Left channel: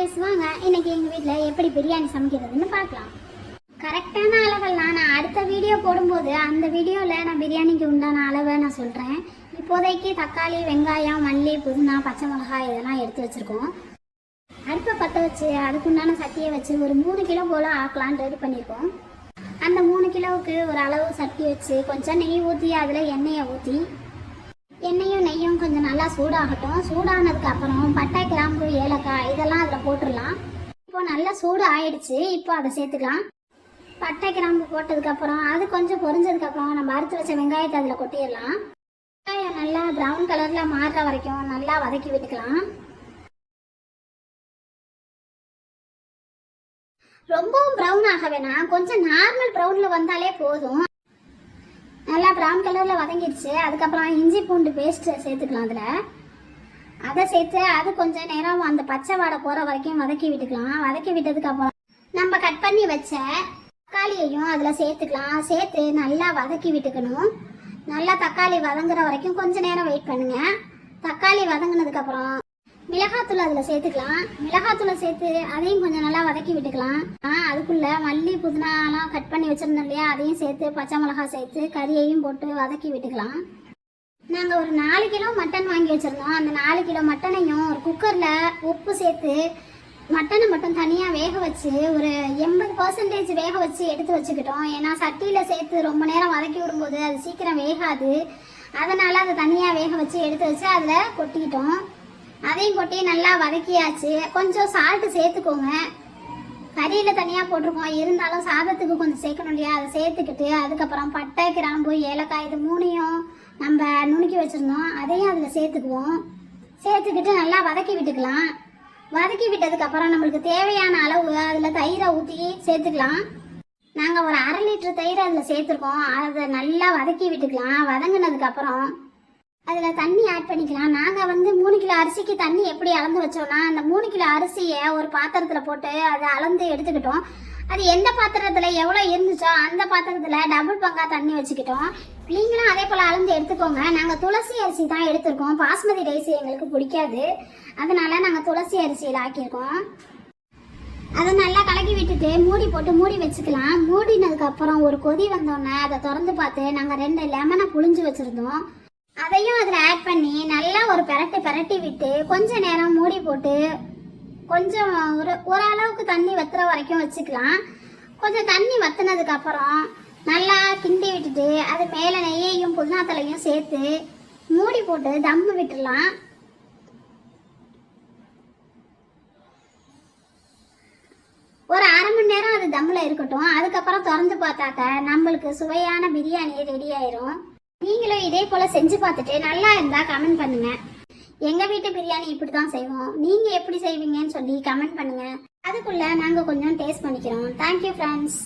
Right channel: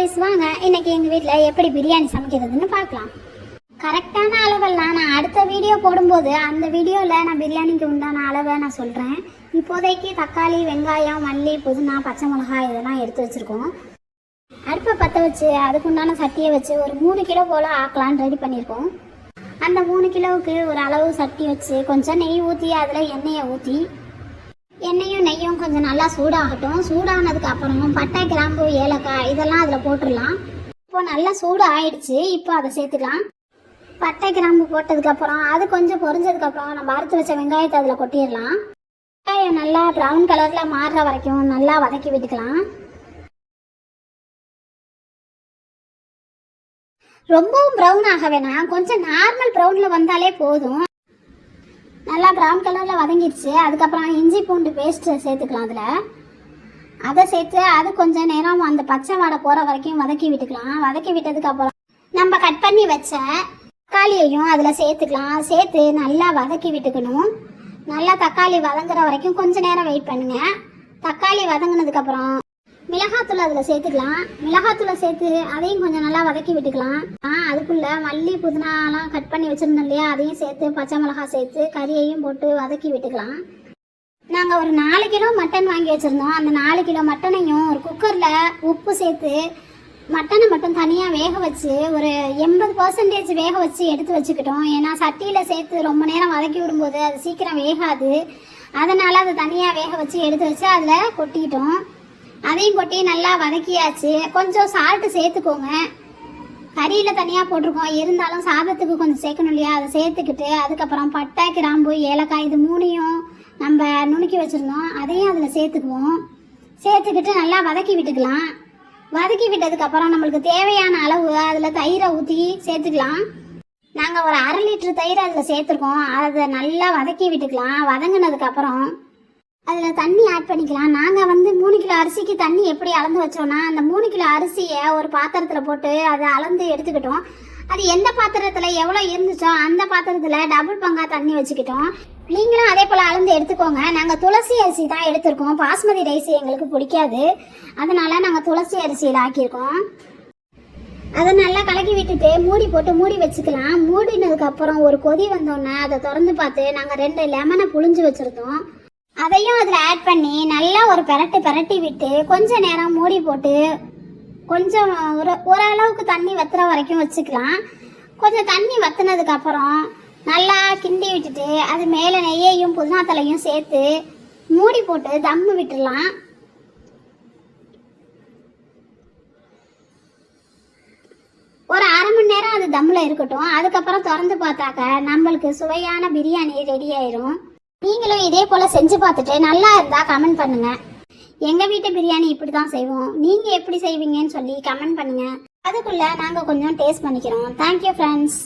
Guys வாங்க இன்னைக்கு எங்க வீட்ல எப்படி பிரியாணி சமைக்கிறதுன்னு பார்க்கலாம். கரெக்டான அளவெல்லாம் நான் அடுத்த வீடியோ போடும்போது அந்த வீடியோல நான் பிரியாணிக்கு உண்டான அளவை நான் சொல்றேன். இப்போதைக்கு தக்காளி, வெங்காயம், மல்லி, புதினா, பச்சை மிளகாய் இதெல்லாம் எடுத்து வச்சிருக்கோம். அடுப்பை பற்ற வச்சு அதுக்குண்டான சட்டியை வச்சு ஒரு 3 கிலோ போல் ஆக்கலான்னு ரெடி பண்ணியிருக்கோம். அந்த 3 கிலோவுக்கு ஒரு அளவு சட்டி வச்சு கொஞ்சம் நெய் ஊற்றி அதில் எண்ணெயை ஊற்றி எண்ணெயும் நெய்யும் கொஞ்சம் நல்லா சூடாகட்டும். சூடானதுக்கு அப்புறம் பட்டை, கிராம்பு, ஏலக்காய் இதெல்லாம் அதில் போட்டுடலாம். இப்போ நல்லா சூடு ஆயிடுச்சு. இப்போ அதை சேர்த்துக்கலாம். பட்டை, கிராம்பு போட்டதுக்கப்புறம் அது கொஞ்சம் பொரிஞ்சதுக்கப்புறம் நம்ம அறுத்து வச்ச வெங்காயத்தை அதில் கொட்டிடலாம். வெங்காயம் நல்லா ப்ரௌன் கலரில் மாறுற வரைக்கும் நல்லா வதக்கி விட்டுக்கலாம். ரொம்பவும் ப்ரௌன் ஆக வேணாம், கொஞ்சம் நார்மல் ப்ரௌனில் வந்தாலே போதும். நல்லா ப்ரௌன் கலரில் வதங்கிடுச்சு. அதுக்கப்புறம் இஞ்சி பூண்டு பேஸ்ட்டு சேர்த்துக்கலாம். அதை சேர்த்து அது கொஞ்சம் நேரம் அந்த பச்சை வாடை போகிற வரைக்கும் வதக்கி விட்டுக்கலாம். வதக்கி விட்டதுக்கப்புறம் நம்ம கட் பண்ணி வச்ச தக்காளியையும் அதில் சேர்த்துக்கலாம். சேர்த்து நல்லா வதக்கி விட்டுக்கணும். நல்லா தக்காளி வதங்குற வரைக்கும் கொஞ்சம் நேரம் வெயிட் பண்ணுங்கள். தக்காளி வதங்கினதுக்கப்புறம் மிளகாத்தூள் அதில் சேர்த்துக்கலாம். மிளகாத்தூளை சேர்த்து அதையும் கொஞ்சம் நல்லா வதக்கி விட்டுக்கலாம். அதுக்குள்ளே மல்லி, புதினாலாம் கட் பண்ணி வச்சுருந்தோம் இல்லையா, அதையும் சேர்த்து பச்சை மிளகாய் சேர்த்து கறியையும் போட்டு வதக்கி விட்டுக்கலாம். நாங்கள் ஒரு 4 கிலோ மட்டன் வாங்கி வச்சுருந்தோம். அந்த 4 கிலோ மட்டனையும் ஒரு குக்கரில் உப்பு சேர்த்து மட்டனை மட்டும் தனியாக வேக வச்சு ஒரு 80% வேக வச்சு எடுத்து வச்சுக்கிட்டோம். ஏன்னா சட்டியில் சேர்த்து ரொம்ப நேரம் வதக்கி விடும்போது அது சீக்கிரம் வேகாது. அதனால் அதை தனியாக வேக வச்சு எடுத்து வச்சு அதில் கொட்டிக்கிட்டோம். அதையும் கொட்டி நல்லா வதக்கியாச்சு. கொஞ்சம் சால்ட்டு சேர்த்துக்கோங்க. கறியில் தனியாக போட்டிருக்கோம், இருந்தாலும் சாதத்துக்கு கொஞ்சம் சேர்க்கணும் இல்லையா, அதை சேர்த்துக்கிட்டு அதுக்கப்புறம் பட்டை, கிராம்பு, ஏலக்காய் இது 3ஐயும் நம்ம நுணுக்கி வச்சுருந்தோம், அதையும் அதில் சேர்த்துக்குவோம். சேர்த்துக்கிட்டு நல்லா வதக்கி விட்டுக்கலாம். வதக்கி விட்டதுக்கப்புறம் நம்மளுக்கு தேவையான அளவு அதில் தயிரை ஊற்றி சேர்த்துக்கலாம். நாங்கள் ஒரு 1/2 லிட்டர் தயிர் அதில் சேர்த்துருக்கோம். அதை நல்லா வதக்கி விட்டுக்கலாம். வதங்கினதுக்கப்புறம் அதில் தண்ணி ஆட் பண்ணிக்கலாம். நாங்கள் 3 கிலோ அரிசிக்கு தண்ணி எப்படி அளந்து வச்சோன்னா, அந்த 3 கிலோ அரிசியை ஒரு பாத்திரத்தில் போட்டு அதை அளந்து எடுத்துக்கிட்டோம். அது எந்த பாத்திரத்தில் எவ்வளோ இருந்துச்சோ அந்த பாத்திரத்தில் டபுள் பங்கா தண்ணி வச்சுக்கிட்டோம். நீங்களும் அதே போல் அளந்து எடுத்துக்கோங்க. நாங்கள் துளசி அரிசி தான் எடுத்துருக்கோம். பாஸ்மதி ரைஸ் எங்களுக்கு பிடிக்காது, அதனால நாங்கள் துளசி அரிசியில் ஆக்கியிருக்கோம். அதை நல்லா கலக்கி விட்டுட்டு மூடி போட்டு மூடி வச்சுக்கலாம். மூடினதுக்கப்புறம் ஒரு கொதி வந்தோடனே அதை திறந்து பார்த்து நாங்கள் 2 லெமனை புழிஞ்சு வச்சுருந்தோம். அதையும் அதில் ஆட் பண்ணி நல்லா ஒரு பெரட்டி விட்டு கொஞ்ச நேரம் மூடி போட்டு கொஞ்சம் ஓரளவுக்கு தண்ணி வத்துற வரைக்கும் வச்சுக்கலாம். கொஞ்சம் தண்ணி வத்துனதுக்கப்புறம் நல்லா கிண்டி விட்டுட்டு அது மேலே நெய்யையும் புதினா தலையும் சேர்த்து மூடி போட்டு தம்மு விட்டுடலாம். ஒரு 1/2 மணி நேரம் அது தம்மில் இருக்கட்டும். அதுக்கப்புறம் திறந்து பார்த்தாக்க நம்மளுக்கு சுவையான பிரியாணி ரெடி ஆயிரும். நீங்களும் இதே போல் செஞ்சு பார்த்துட்டு நல்லா இருந்தால் கமெண்ட் பண்ணுங்கள். எங்கள் வீட்டு பிரியாணி இப்படி தான் செய்வோம், நீங்கள் எப்படி செய்வீங்கன்னு சொல்லி கமெண்ட் பண்ணுங்கள். அதுக்குள்ளே நாங்கள் கொஞ்சம் டேஸ்ட் பண்ணிக்கிறோம். Thank you friends.